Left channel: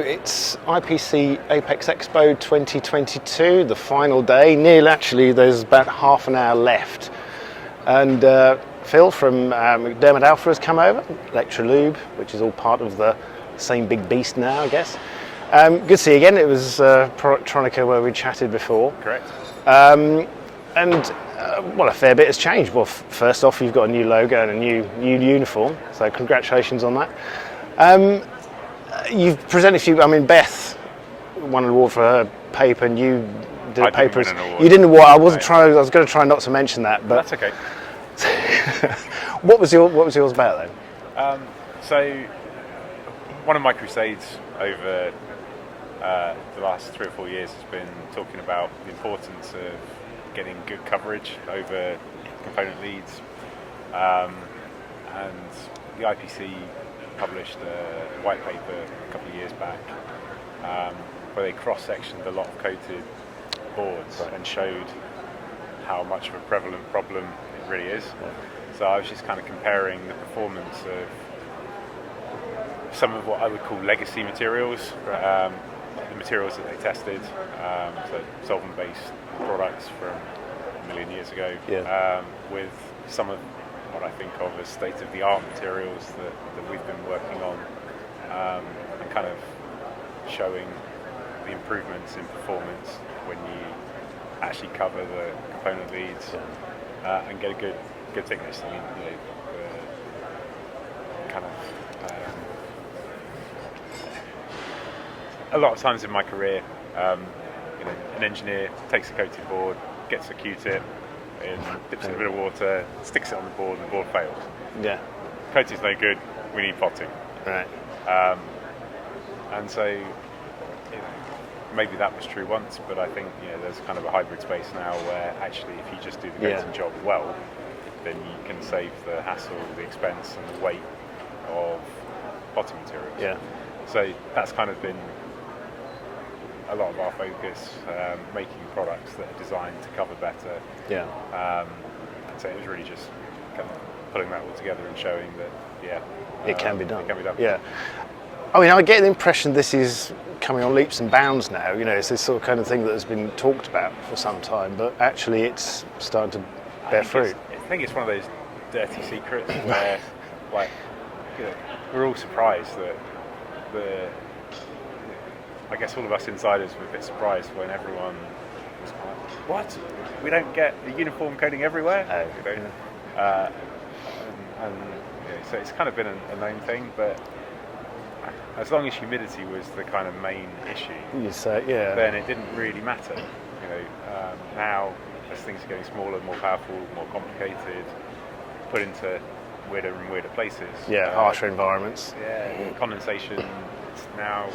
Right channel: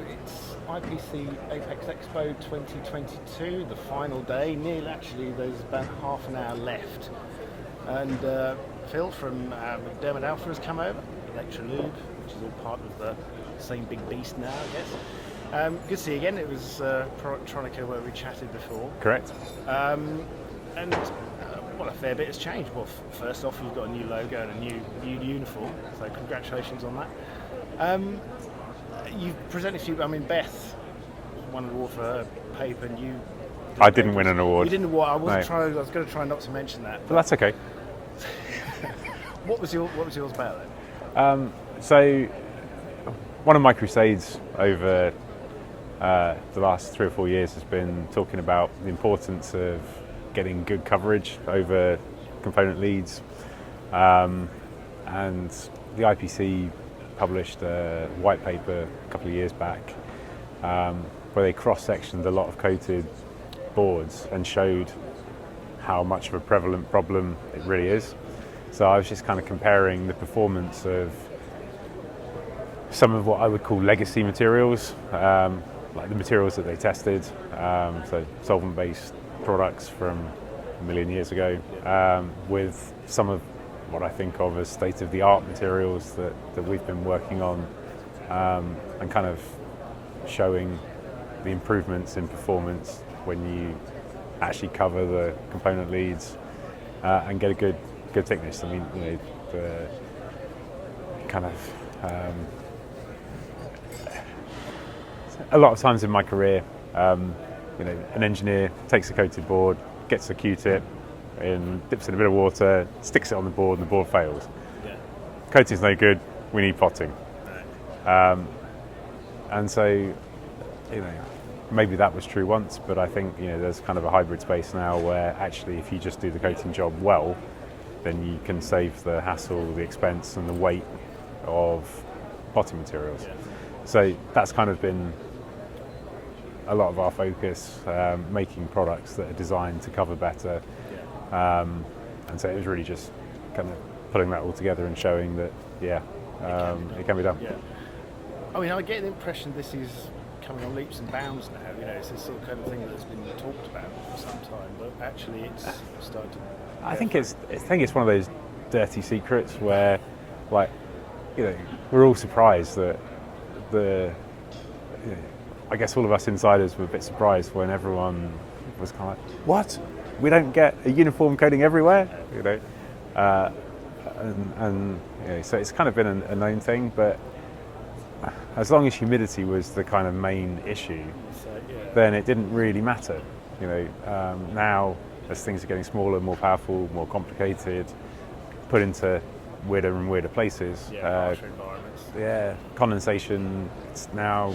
it's IPC Apex Expo 2022, the final day. Actually, there's about half an hour left. And Phil from McDermott Alpha has come over, Electrolube, which is all part of the same big beast now, I guess. Good to see you again. It was Productronica where we chatted before. Correct. Well, a fair bit has changed. Well, first off, you've got a new logo and a new uniform, so congratulations on that. You've presented a few. I mean, Beth won an award for her paper, and you did a paper. I didn't win an award. You didn't award. I wasn't Right. trying. I was going to try not to mention that, but That's okay. What was yours about then? So, one of my crusades over the last 3 or 4 years has been talking about the importance of getting good coverage over component leads, and the IPC published a white paper a couple of years back where they cross-sectioned a lot of coated boards and showed how much of a prevalent problem it really is. So I was just kind of comparing the performance of some of what I would call legacy materials, like the materials that they tested, so solvent-based products from a million years ago, with some of what I think of as state-of-the-art materials that we've been working on, and kind of showing the improvements in performance when you actually cover the component leads and get a good thickness. I mean, the kind of a lot of times in my career, an engineer takes a coated board, gets a Q-tip, and dips it in a bit of water, sticks it on the board, and the board fails. Yeah. Coating's no good. We need potting. Right. And so, maybe that was true once, but I think there's kind of a hybrid space now where actually, if you just do the coating job well, then you can save the hassle, the expense, and the weight of potting materials. Yeah. So that's kind of been a lot of our focus, making products that are designed to cover better. Yeah. And so it was really just kind of putting that all together and showing that, It can be done. It can be done. Yeah. I mean, I get the impression this is coming on leaps and bounds now. It's this sort of kind of thing that has been talked about for some time, but actually it's starting to bear fruit. I think it's one of those dirty secrets where, we're all surprised that I guess all of us insiders were a bit surprised when everyone was kind of like, what? We don't get a uniform coating everywhere? So it's kind of been a known thing, but as long as humidity was the kind of main issue, then it didn't really matter. Now as things are getting smaller, more powerful, more complicated, put into weirder and weirder places. Harsher environments. Condensation, it's now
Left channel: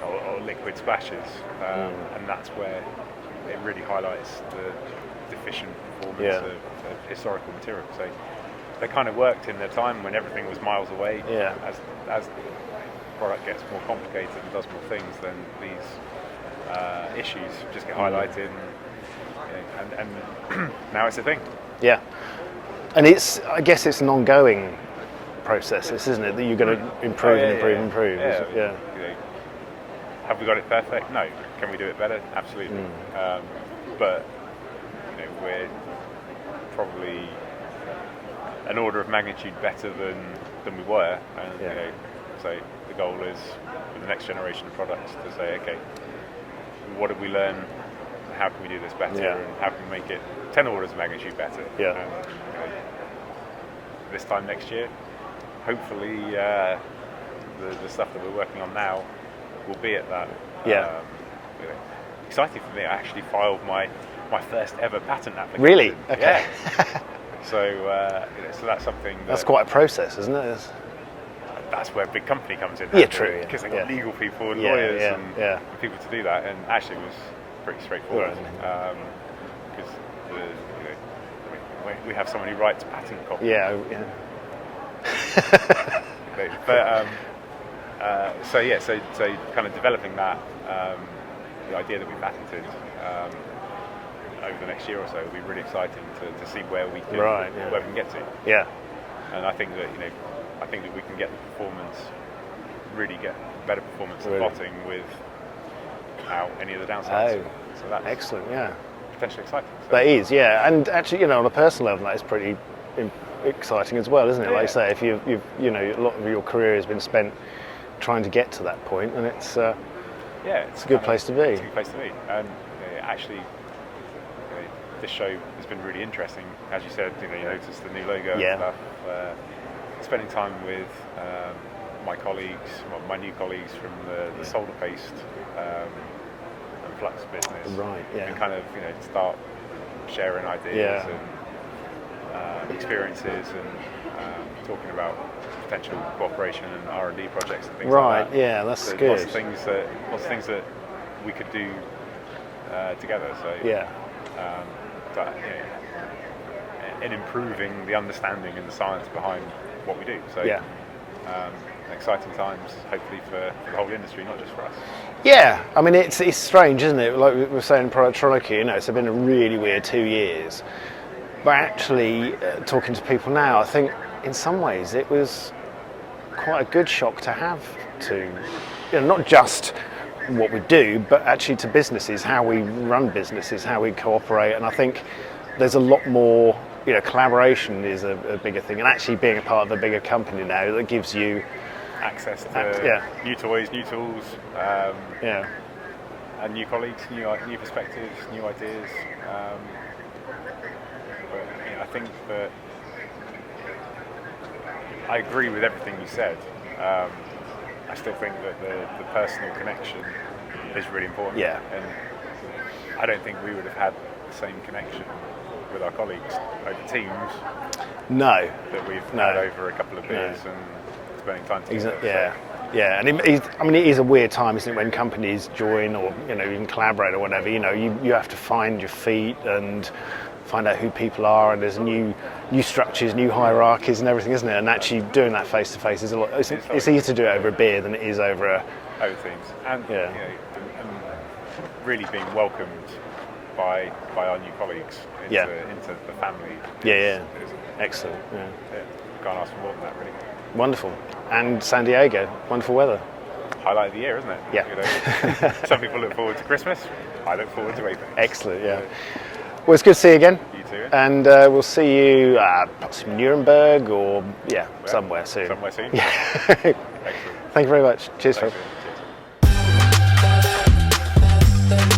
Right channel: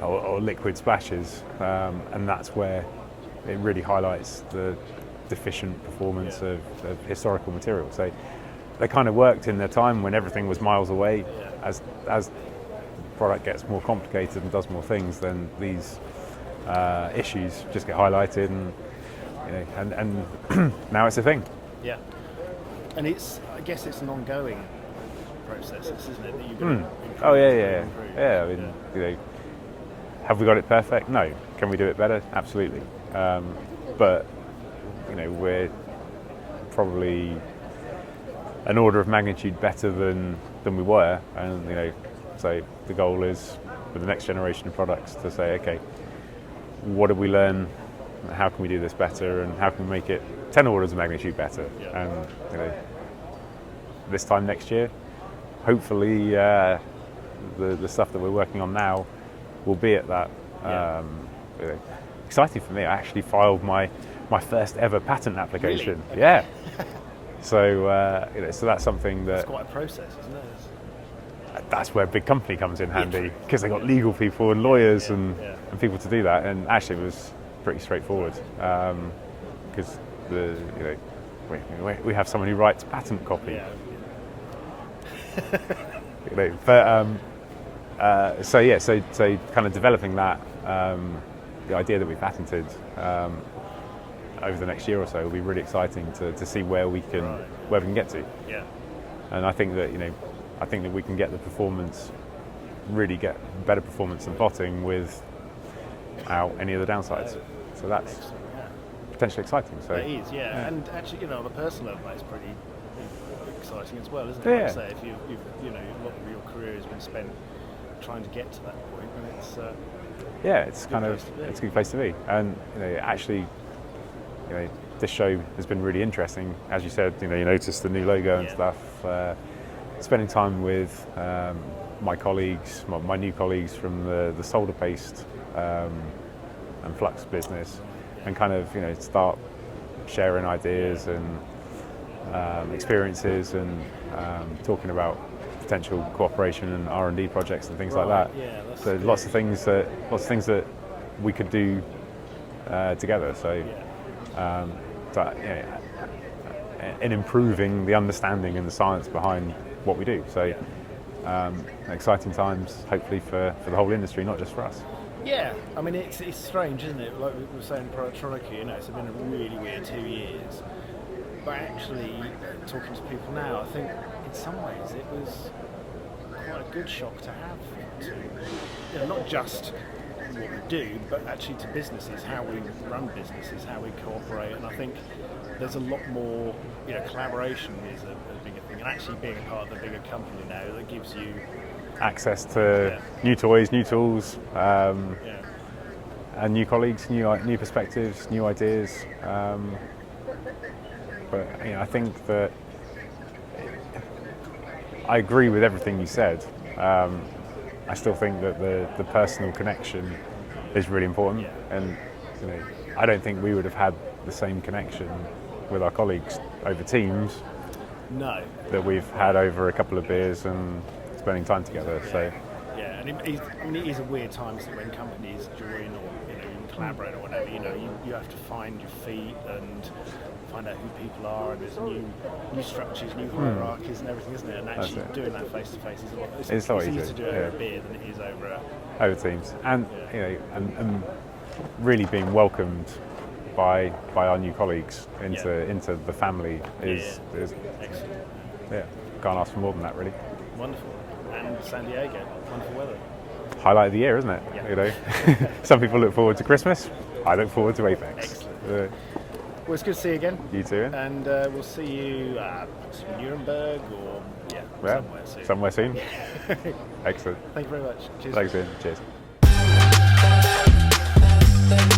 or liquid splashes, and that's where it really highlights the deficient performance of historical material. So they kind of worked in their time when everything was miles away. As the product gets more complicated and does more things, then these issues just get highlighted, and now it's a thing. Yeah. And I guess it's an ongoing process, isn't it? That you're going to improve. Yeah. Have we got it perfect? No. Can we do it better? Absolutely. But we're probably an order of magnitude better than we were, and so the goal is with the next generation of products to say, okay, what did we learn? How can we do this better? And how can we make it 10 orders of magnitude better? And this time next year, hopefully, the stuff that we're working on now will be at that. Exciting for me. I actually filed my first ever patent application. Really? Okay. Yeah. So that's something that's quite a process, isn't it? That's where a big company comes in handy, because they've got legal people and lawyers and people to do that. And actually, it was pretty straightforward, because we have someone who writes patent copies. So kind of developing that, the idea that we patented over the next year or so will be really exciting to see where we can get to. And I think that we can get the performance really get better performance and plotting without any of the downsides. Oh, so that's excellent, yeah. potentially exciting. So. That is, yeah. And actually, on a personal level, that is pretty exciting as well, isn't it? Yeah. Like I say, if you've a lot of your career has been spent trying to get to that point, and it's it's a good place to be. It's a good place to be, and actually, this show has been really interesting. As you said, you noticed the new logo and stuff. Spending time with my colleagues, my new colleagues from the solder paste and flux business, and kind of start sharing ideas and experiences and together about potential cooperation and R&D projects and things like that. Yeah, that's so good. Lots of things that we could do together. So in improving the understanding and the science behind what we do. So exciting times, hopefully for the whole industry, not just for us. Yeah, I mean it's strange, isn't it? Like we were saying in Productronica, it's been a really weird 2 years. But actually, talking to people now, I think in some ways it was quite a good shock to have to, not just what we do, but actually to businesses, how we run businesses, how we cooperate. And I think there's a lot more, collaboration is a bigger thing. And actually being a part of a bigger company now that gives you access to new toys, new tools, and new colleagues, new perspectives, new ideas. But I think that I agree with everything you said. I still think that the personal connection is really important. Yeah. And I don't think we would have had the same connection with our colleagues over Teams. No. That we've had over a couple of beers and spending time together. Exactly. Yeah. Yeah, and it is a weird time, isn't it, when companies join or even collaborate or whatever. You have to find your feet and find out who people are, and there's new structures, new hierarchies, and everything, isn't it? And actually doing that face to face is a lot. It's easier to do it over a beer than it is over Teams, and and really being welcomed by our new colleagues into the family. Is excellent. Yeah, can't ask for more than that, really. Wonderful. And San Diego, wonderful weather. Highlight of the year, isn't it? Yeah. Some people look forward to Christmas. I look forward to Apex. Excellent. Yeah. Well, it's good to see you again. You too. Yeah? And we'll see you perhaps in Nuremberg or somewhere soon. Somewhere soon. Yeah. Excellent. Thank you very much. Cheers. Thanks, Cheers.